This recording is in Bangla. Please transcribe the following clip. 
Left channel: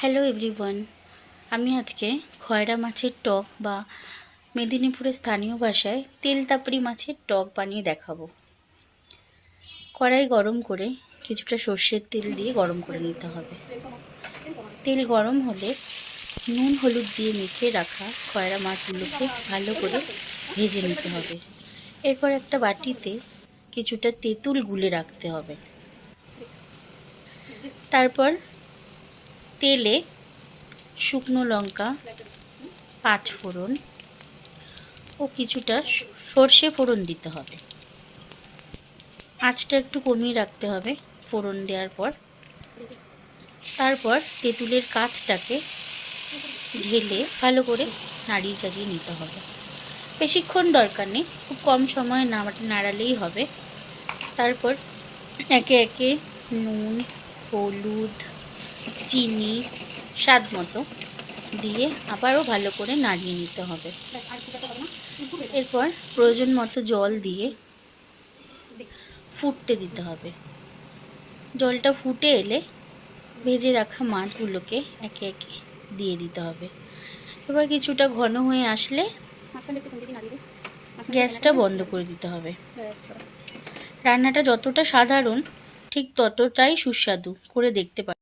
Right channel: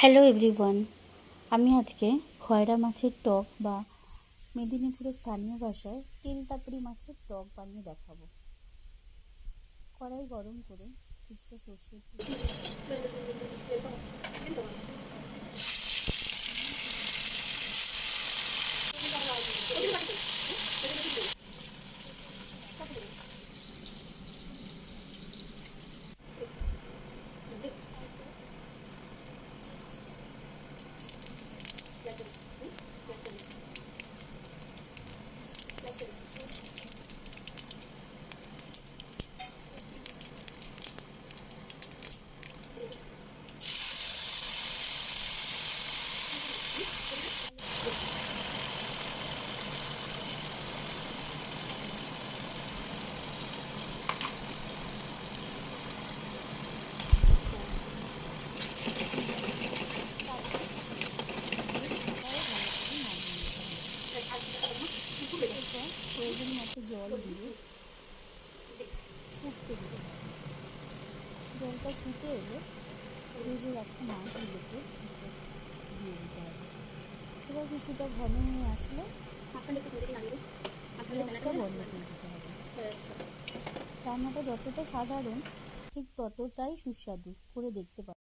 হ্যালো এভরিওয়ান আমি আজকে খয়রা মাছের টক বা মেদিনীপুরের স্থানীয় ভাষায় তেল তাপড়ি মাছের টক বানিয়ে দেখাবো। কড়াই গরম করে কিছুটা সর্ষের তেল দিয়ে গরম করে নিতে হবে। তেল গরম হলে নুন, হলুদ দিয়ে মেখে রাখা খয়রা মাছগুলোকে ভালো করে ভেজে নিতে হবে। এরপর একটা বাটিতে কিছুটা তেঁতুল গুলে রাখতে হবে। তারপর তেলে শুকনো লঙ্কা, পাঁচ ফোড়ন ও কিছুটা সর্ষে ফোড়ন দিতে হবে। আঁচটা একটু কমিয়ে রাখতে হবে ফোড়ন দেওয়ার পর। তারপর তেঁতুলের কাঠটাকে ঢেলে ভালো করে নাড়িয়ে চাড়িয়ে নিতে হবে। বেশিক্ষণ দরকার নেই, খুব কম সময়ে নাড়া নাড়ালেই হবে। তারপর একে একে নুন, হলুদ চিনি, স্বাদ মতো দিয়ে আবারও ভালো করে নাড়িয়ে নিতে হবে। এরপর প্রয়োজন মতো জল দিয়ে ফুটতে দিতে হবে। জলটা ফুটে এলে ভেজে রাখা মাছগুলোকে একে একে দিয়ে দিতে হবে। এবার কিছুটা ঘন হয়ে আসলে গ্যাসটা বন্ধ করে দিতে হবে। রান্নাটা যতটা সাধারণ, ঠিক ততটাই সুস্বাদু করে দেখতে পারেন